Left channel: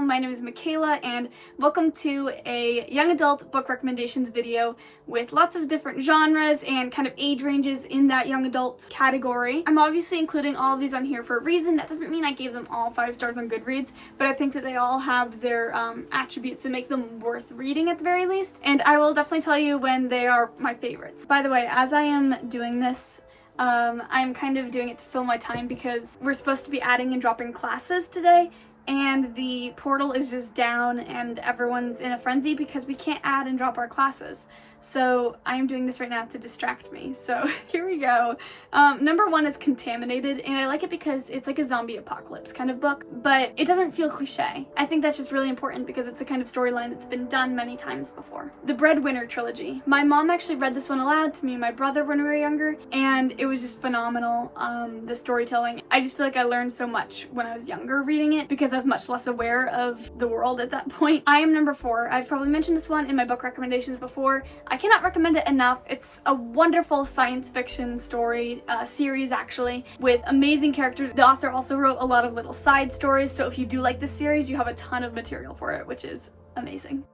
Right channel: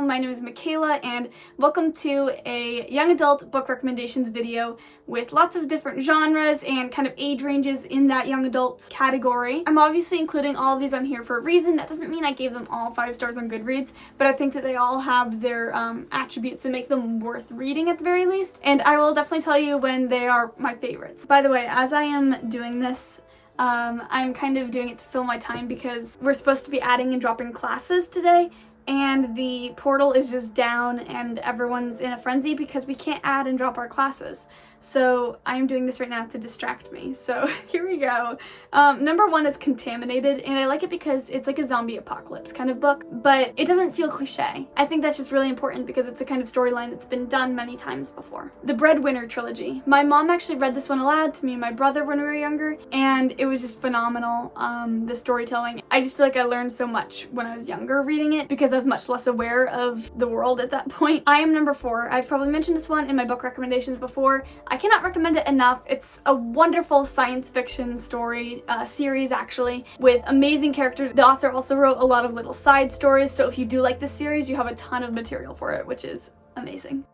Hello, my name is Makayla and welcome to a young adult book recommendations video with lots of different genres and kind of age ranges in that young adult category. I'm obviously including all of these on here for a reason. That doesn't mean I gave them all 5 stars on Goodreads, but I think that they all have their attributes that make them worth reading at the very least, and I will definitely tell you when they are my favorites. By the way, as I am doing this, I'm kind of doing it to fill my time because we're supposed to be adding and dropping classes today, and the portal is just down and everyone's in a frenzy because we can't add and drop our classes. So I'm doing this right now to distract me. So here we go. Number 1 is Contaminated, and I like it because it's like a zombie apocalypse kind of book, but it doesn't feel cliche. I think that's just really important because it's a kind of storyline that's been done many times before. The Breadwinner trilogy. My mom actually read this one aloud to me and my brother when we were younger, and it was just phenomenal, the storytelling. I just feel like I learned so much when I was younger reading it because I was much less aware of the world at that point. I am number 4. I've probably mentioned this one in my book recommendations before. I cannot recommend it enough. It's a wonderful science fiction story, series actually, with amazing characters. The author also wrote a lot of little side stories, so if you do like this series, you have a ton of material for it, which is amazing.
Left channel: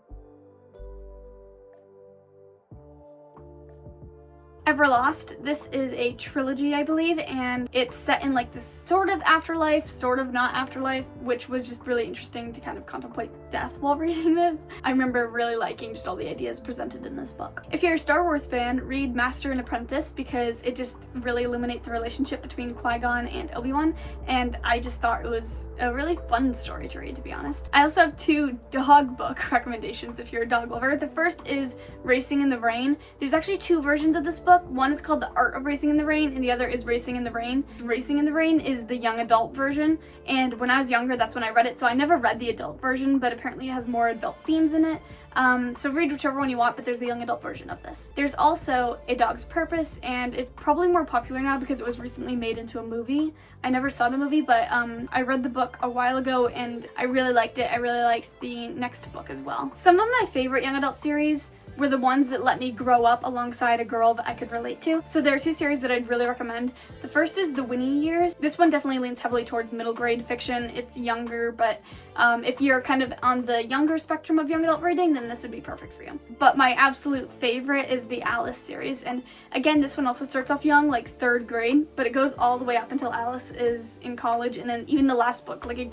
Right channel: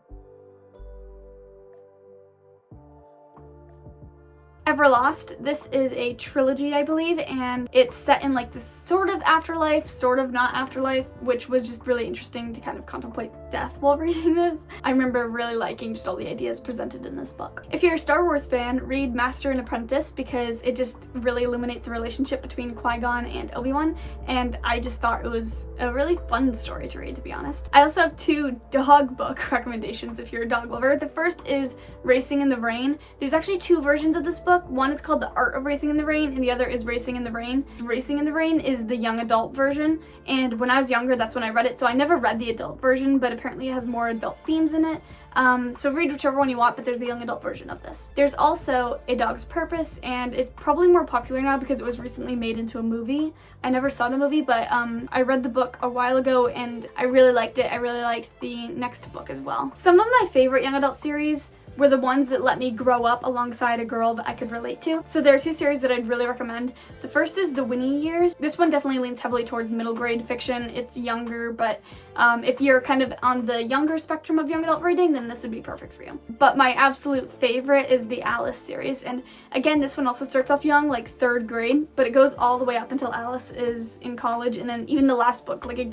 Everlost. This is a trilogy, I believe, and it's set in like this sort of afterlife, sort of not afterlife, which was just really interesting to kind of contemplate death while reading this. I remember really liking just all the ideas presented in this book. If you're a Star Wars fan, read Master and Apprentice because it just really illuminates the relationship between Qui-Gon and Obi-Wan, and I just thought it was a really fun story to read, to be honest. I also have 2 dog book recommendations if you're a dog lover. The first is Racing in the Rain. There's actually 2 versions of this book. One is called The Art of Racing in the Rain, and the other is Racing in the Rain. Racing in the Rain is the young adult version, and when I was younger, that's when I read it, so I never read the adult version, but apparently it has more adult themes in it. So read whichever one you want, but there's the young adult version of this. There's also A Dog's Purpose, and it's probably more popular now because it was recently made into a movie. I never saw the movie, but I read the book a while ago and I really liked it. I really liked the next book as well. Some of my favorite young adult series were the ones that let me grow up alongside a girl that I could relate to. So there are 2 series that I'd really recommend. The first is The Winnie Years. This one definitely leans heavily towards middle grade fiction. It's younger, but if you're kind of on the younger spectrum of young adult reading, then this would be perfect for you. But my absolute favorite is the Alice series. And again, this one also starts off young, like 3rd grade, but it goes all the way up until Alice is in college. And then even the last book, like it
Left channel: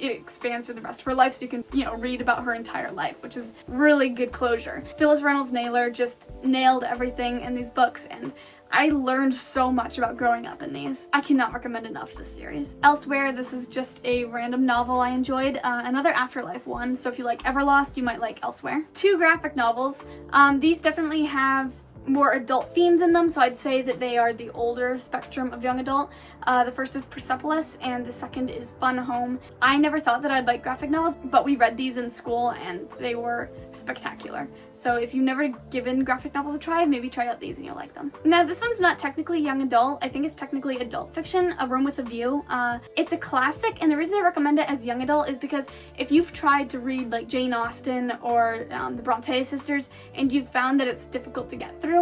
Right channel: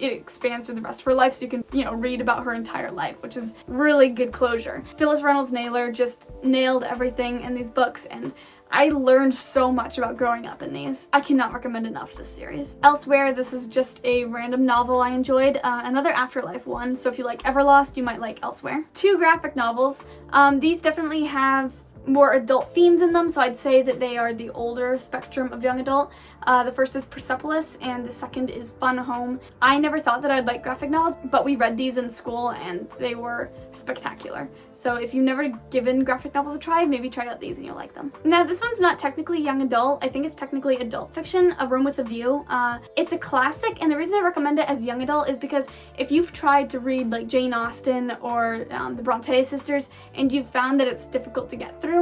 expands through the rest of her life, so you can, read about her entire life, which is really good closure. Phyllis, Reynolds, Naylor just nailed everything in these books, and I learned so much about growing up in these. I cannot recommend enough this series. Elsewhere, this is just a random novel I enjoyed, another afterlife one, so if you like Everlost, you might like Elsewhere. 2 graphic novels. These definitely have more adult themes in them, so I'd say that they are the older spectrum of young adult. The first is Persepolis and the second is Fun Home. I never thought that I'd like graphic novels, but we read these in school and they were spectacular. So if you've never given graphic novels a try, maybe try out these and you'll like them. Now this one's not technically young adult. I think it's technically adult fiction, A Room with a View. It's a classic, and the reason I recommend it as young adult is because if you've tried to read like Jane Austen or the Bronte sisters and you've found that it's difficult to get through,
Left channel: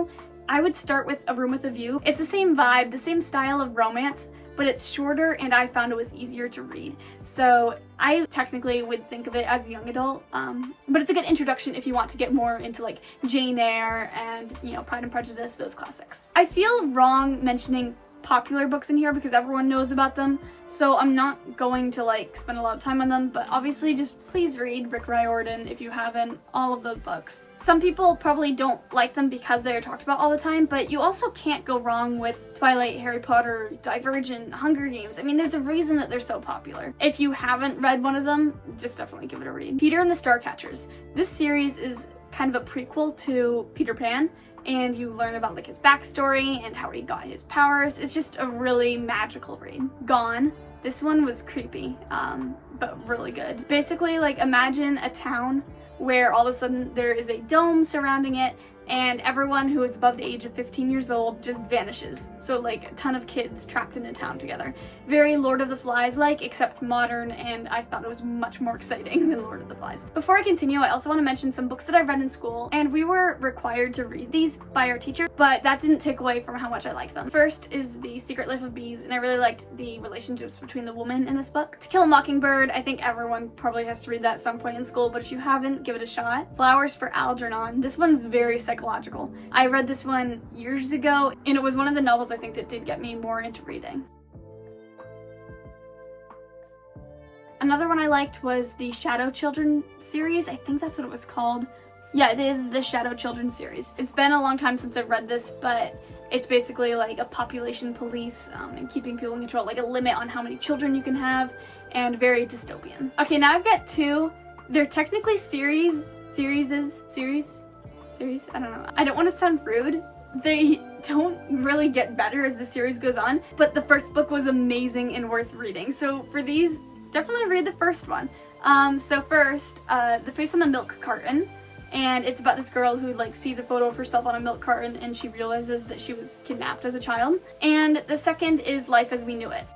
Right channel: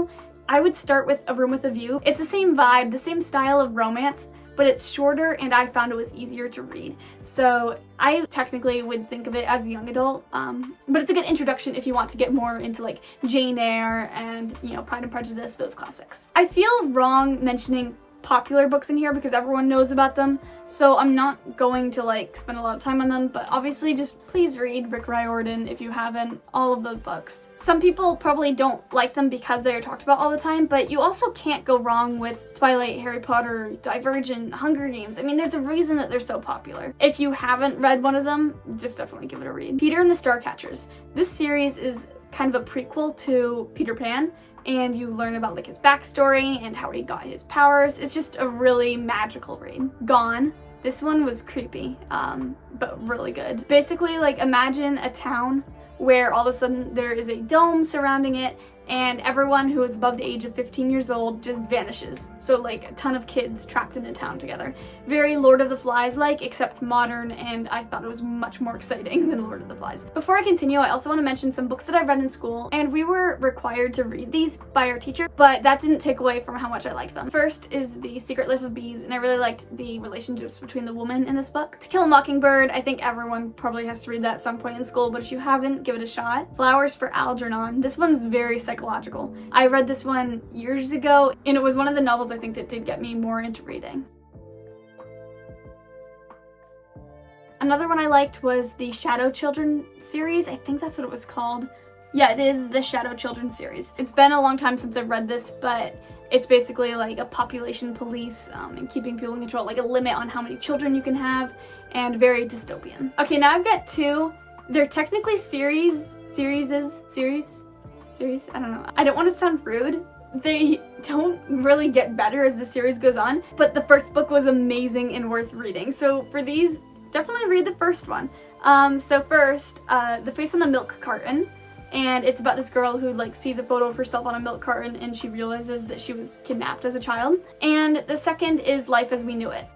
I would start with A Room with a View. It's the same vibe, the same style of romance, but it's shorter and I found it was easier to read. So I technically would think of it as a young adult, but it's a good introduction if you want to get more into like Jane Eyre and, Pride and Prejudice, those classics. I feel wrong mentioning popular books in here because everyone knows about them, so I'm not going to spend a lot of time on them, but obviously just please read Rick Riordan if you haven't, all of those books. Some people probably don't like them because they're talked about all the time, but you also can't go wrong with Twilight, Harry Potter, Divergent, Hunger Games. I mean, there's a reason that they're so popular. If you haven't read one of them, just definitely give it a read. Peter and the Starcatchers. This series is kind of a prequel to Peter Pan, and you learn about his backstory and how he got his powers. It's just a really magical read. Gone. This one was creepy, but really good. Basically, imagine a town where all of a sudden there is a dome surrounding it, and everyone who is above the age of 15 years old just vanishes. So like a ton of kids trapped in a town together. Very Lord of the Flies-like, except modern, and I thought it was much more exciting than Lord of the Flies. Before I continue, I also want to mention some books that I read in school, and we were required to read these by our teacher, but that didn't take away from how much I liked them. First is The Secret Life of Bees, and I really liked the relationships between the women in this book. To Kill a Mockingbird, I think everyone probably has to read that at some point in school, but if you haven't, give it a shot. Flowers for Algernon. This one's very psychological. I read this one years ago, and it was one of the novels I think that did get me more into reading. Another one I liked was the Shadow Children series. I think that's what it was called. Yeah, it is the Shadow Children series. It's been a long time since I've read this, but it's basically like a population police and keeping people in control, like a limit on how many children you can have, and very dystopian. Okay, now I've got two. They're technically series, I don't know. I don't want to sound rude. They don't really get better as the series goes on, but the first book was amazing and worth reading. So for these, definitely read the first one. So first, The Face on the Milk Carton. And it's about this girl who like sees a photo of herself on a milk carton and she realizes that she was kidnapped as a child. And the second is Life as We Knew It.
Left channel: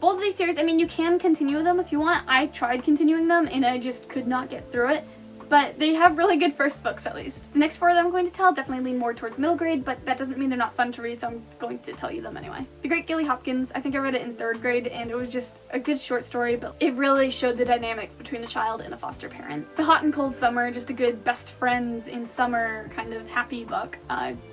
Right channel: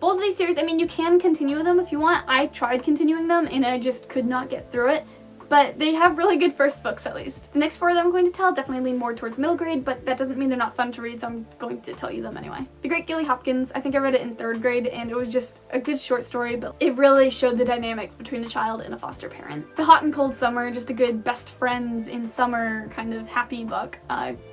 Both of these series, I mean, you can continue them if you want. I tried continuing them and I just could not get through it. But they have really good first books, at least. The next four that I'm going to tell definitely lean more towards middle grade, but that doesn't mean they're not fun to read, so I'm going to tell you them anyway. The Great Gilly Hopkins, I think I read it in 3rd grade, and it was just a good short story, but it really showed the dynamics between a child and a foster parent. The Hot and Cold Summer, just a good best friends in summer kind of happy book.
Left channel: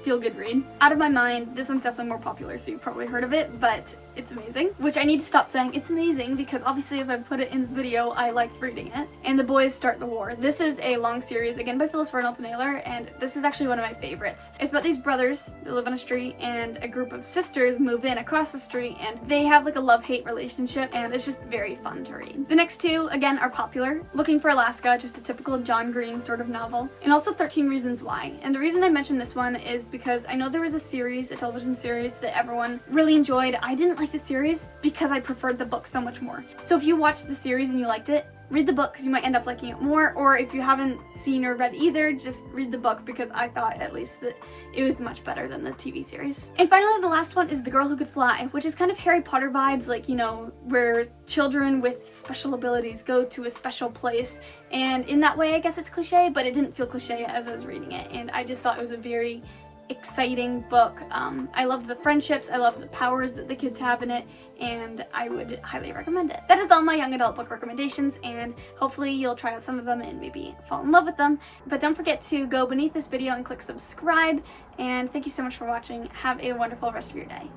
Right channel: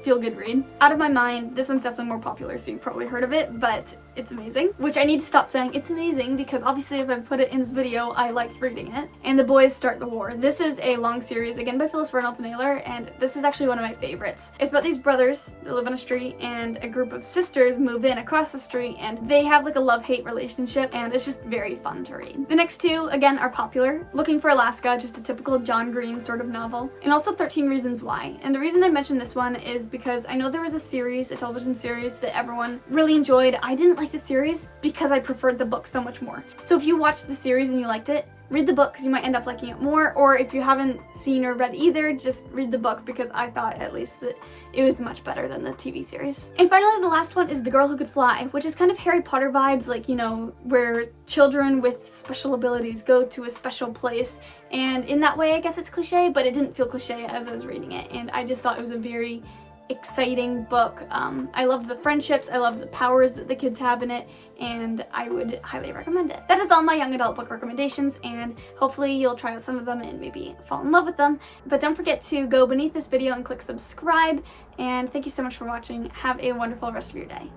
Feel good read. Out of My Mind, this one's definitely more popular, so you've probably heard of it, but it's amazing. Which I need to stop saying it's amazing, because obviously if I put it in this video, I liked reading it. And The Boys Start the War. This is a long series, again by Phyllis, Reynolds, and Naylor, and this is actually one of my favorites. It's about these brothers that live on a street, and a group of sisters move in across the street, and they have like a love-hate relationship, and it's just very fun to read. The next two, again, are popular. Looking for Alaska, just a typical John Green sort of novel, and also 13 Reasons Why. And the reason I mentioned this one is because I know there was a series, a television series, that everyone really enjoyed. I didn't like the series because I preferred the book so much more. So if you watched the series and you liked it, read the book because you might end up liking it more, or if you haven't seen or read either, just read the book because I thought at least that it was much better than the TV series. And finally, the last one is The Girl Who Could Fly, which is kind of Harry Potter vibes, like, you know, where children with special abilities go to a special place, and in that way I guess it's cliche, but it didn't feel cliche as I was reading it, and I just thought it was a very exciting book. I love the friendships, I love the powers that the kids have in it, and I would highly recommend it. That is all my young adult book recommendations, and hopefully you'll try out some of them and maybe fall in love with them. But don't forget to go beneath this video and click subscribe, and thank you so much for watching. Have a wonderful rest of your day.